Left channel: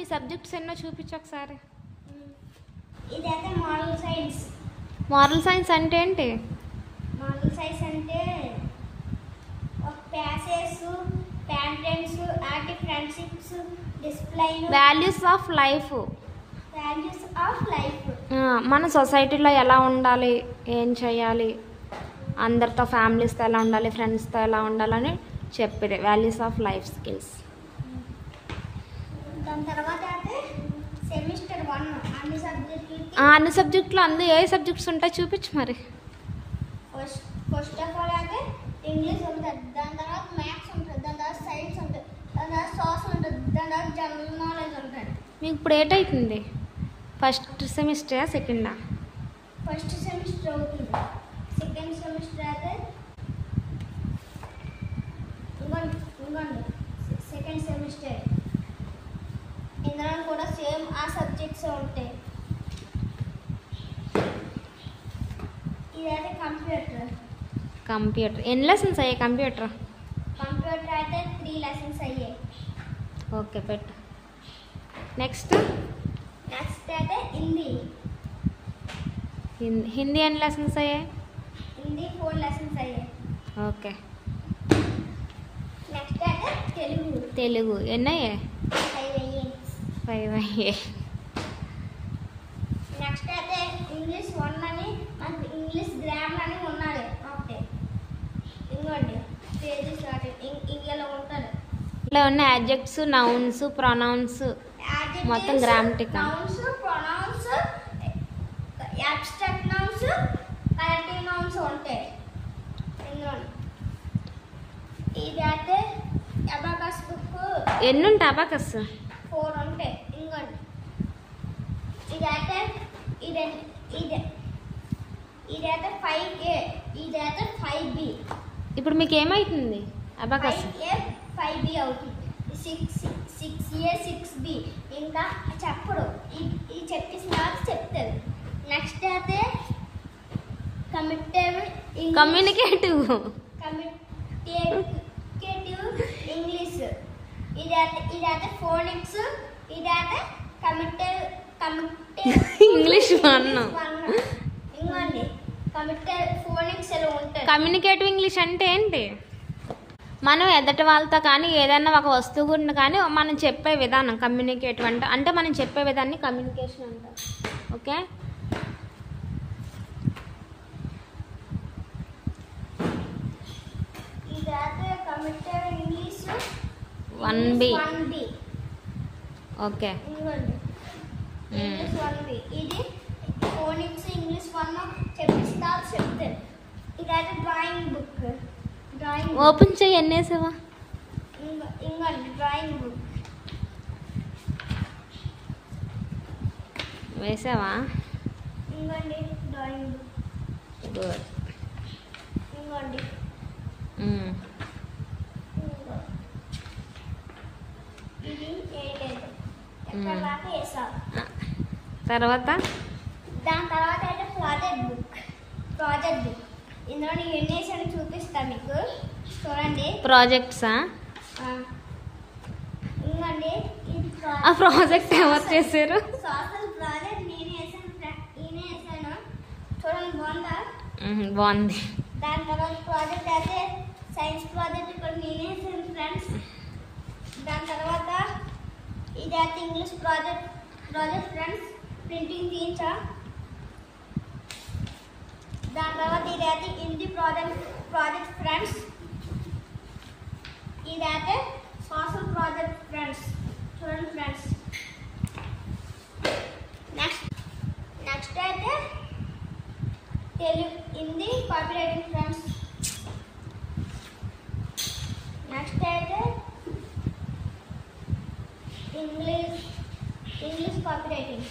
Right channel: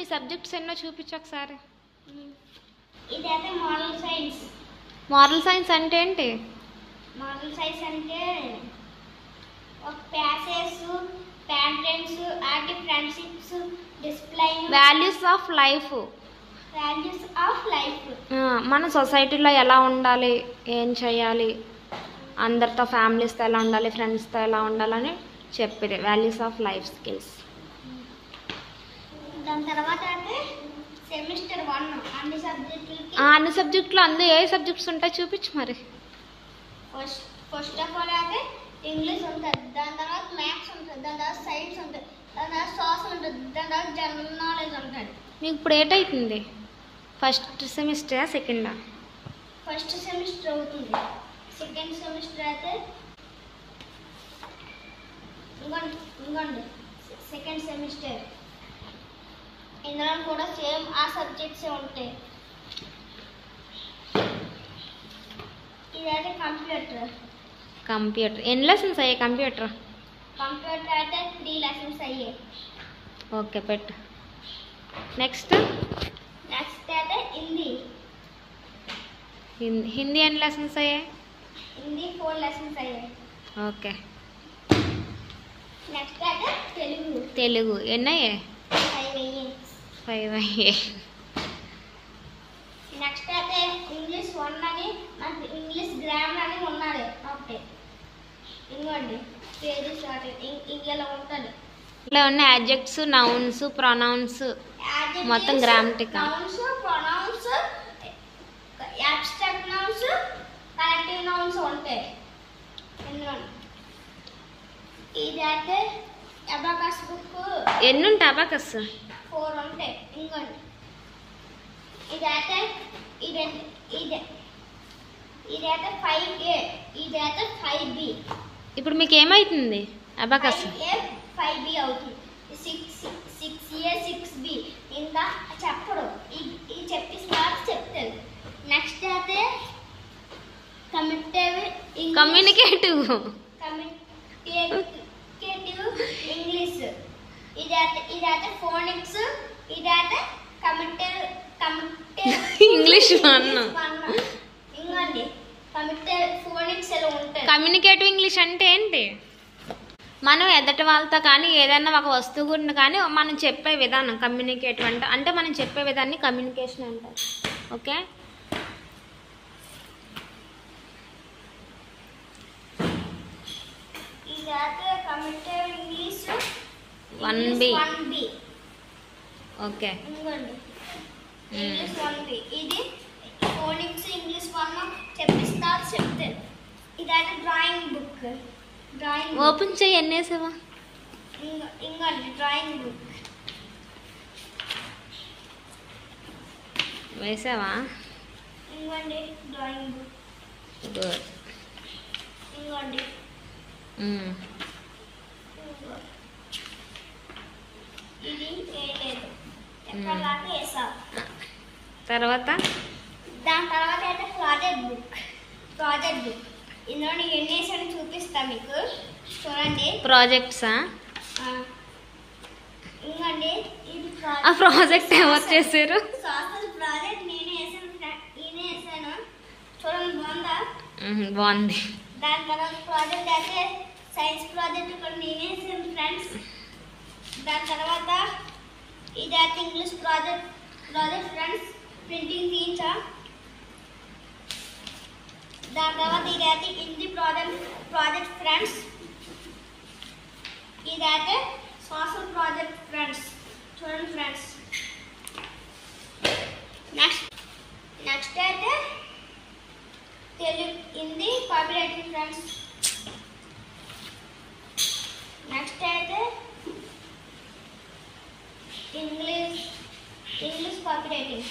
ఈ సబ్జెక్ట్స్ ఎన్నో చూపించు ఒకసారి. ఇదైతే మోరల్ సైన్స్. మోరల్ సైన్స్ అంటే ఏంటి? మోరల్ సైన్స్ అంటే ఒక ప్యాసేజ్, ప్యాటర్న్స్, ఆర్టి friendships, discipline, values of life. Values of life. మన సొసైటీలో ఎలా ఉండాలి, ఏం చేయాలి, అందరితో ఫ్యామిలీస్తో ఎలా ఉండాలి, ఫ్రెండ్స్తో ఎలా ఉండాలని చెప్పేది వాల్యూస్ ఆఫ్ లైఫ్ స్కిల్స్. దాని తర్వాత అయితే సెమిస్టర్ 1 అన్ని సబ్జెక్టులకి. అన్ని సబ్జెక్టులు అందు ఏ సబ్జెక్ట్స్ ఉంటాయి చూపించు మరి. ఫస్ట్ ఆఫ్ ఆల్ అయితే ఇంగ్లీష్ ఉంటుంది, దాని తర్వాత మ్యాథ్స్ ఉంటుంది, దాని తర్వాత సైన్స్ ఉంటుంది, దాని తర్వాత సోషల్ ఉంటుంది, దాని తర్వాత జనరల్ నాలెడ్జ్ ఉంటుంది. మీకు ఇప్పుడు ఏటవుతుంది? ఫస్ట్ సెమిస్టరా సెకండా? ఫస్ట్ సెమిస్టర్ అవుతుంది. సెకండ్ సెమిస్టర్ అయితే ఇంకోండి సెకండ్ సెమిస్టర్. ఇందులో కూడా సేమ్ ఆ సబ్జెక్ట్సే ఉంటాయి. ఇదైతే కంప్యూటర్ ఎన్ని లెసన్స్ అయ్యాయి? కంప్యూటర్ అయితే 3 లెసన్స్ అయ్యాయి. ఓకే పెట్టు. నెక్స్ట్ అయితే హిందీ ఎన్ని లెసన్స్ అయ్యాయి? హిందీ 4 లెసన్స్ అయ్యాయి. ఓకే. నెక్స్ట్ అయితే తెలుగు ఎన్ని అయ్యాయి? 5 అయ్యాయి. నెక్స్ట్ అయితే ఇంగ్లీష్ 1 అని, మనకి ఇంగ్లీష్ గ్రామర్ అని ఉన్నది ఒకటే. ఇంకోండి పేజీ స్టార్టింగ్ ఇంకెలా ఉంటుంది. ఇలా ఉన్న యాడ్జెక్ట్స్, నౌన్స్, ప్రొనౌన్స్, మొత్తం grammatical. Nouns, pronouns, abstract nouns, collective nouns ఉంటాయి ఇందులో. ఇదైతే అబాకస్ బుక్. ఎన్ని ఉంటాయి అబాకస్? 4 ఉంటాయి. ఇంకోండి ఇదైతే 5A, ఇదైతే 5B. ఇప్పుడు మీకు ఏమవుతుంది అబాకస్? 5A 5B అవుతుంది. 6A 6B. ఇంకా చెప్పడు, ఇది చెప్పేసిన చెప్తారు. నెక్స్ట్ అయితే కమ్యూనికేటివ్ ఇంగ్లీష్. ఇదైతే ఫోనిక్స్. ఇదైతే ఇంగ్లీష్ 1. ఇంకోండి ఫోనిక్స్ ఎలా ఉంటుంది. కమ్యూనికేటివ్ ఇంగ్లీష్ అంటే ఏంటి? మనం ఎదటి వాళ్ళతో కానీ ఏదైనా ఒక వస్తువు గురించి కానీ మనం చెప్పే విధానం కమ్యూనికేటివ్ అంటే మనం చెప్పే విధాన్ని కమ్యూనికేషన్ అంటారు. ఓకే. ఇదైతే కమ్యూనికేటివ్ ఇంగ్లీష్ 1B. ఓకే. ఇంకోండి ఇంగ్లీష్ 1B. ఇది ఫోనిక్స్ ఇంగ్లీష్ 1 చెప్తారు. ఇదైతే డ్రాయింగ్ బుక్. ఓపెన్ చేయి. ఎన్ని వేసావా? ఇంకోండి డ్రాయింగ్ బుక్ వేసావా? ఇంకోండి డ్రాయింగ్ బుక్. గుడ్. ఇంకోండి ఇది వేయలేదు, ఎక్కడలాగా వేసావు. తర్వాత దాని తర్వాత అయితే ప్రాజెక్ట్ బుక్. ఇందులో ఎన్ని వేసాను చూపిస్తా మీకు, చూడండి. ప్రాజెక్ట్సా? ఇంకోండి ఇది ఆ ప్రాజెక్ట్ ఎవరు చేశారు? సోషల్ ప్రాజెక్ట్ నేనే వేసాను. చూడండి బాగుందా? బాగుంది. దాని తర్వాత ప్రాజెక్ట్ అయితే సైన్స్ ప్రాజెక్ట్ కూడా నేనే వేసాను ఫ్రెండ్స్. దాని తర్వాత ఇదైతే ఇంగ్లీష్ ప్రాజెక్ట్ ఫ్రెండ్స్, ప్రింటింగ్ తీయించా. దాని తర్వాత ఇదైతే హిందీ ప్రాజెక్ట్ ఫ్రెండ్స్. ఇదైతే సోషల్ ప్రాజెక్ట్ ఫ్రెండ్స్. చూడండి ఫ్రెండ్స్. నెక్స్ట్ అయితే Hindi copy writing friends. Next అయితే ఇంగ్లీష్ కాపీ రైటింగ్.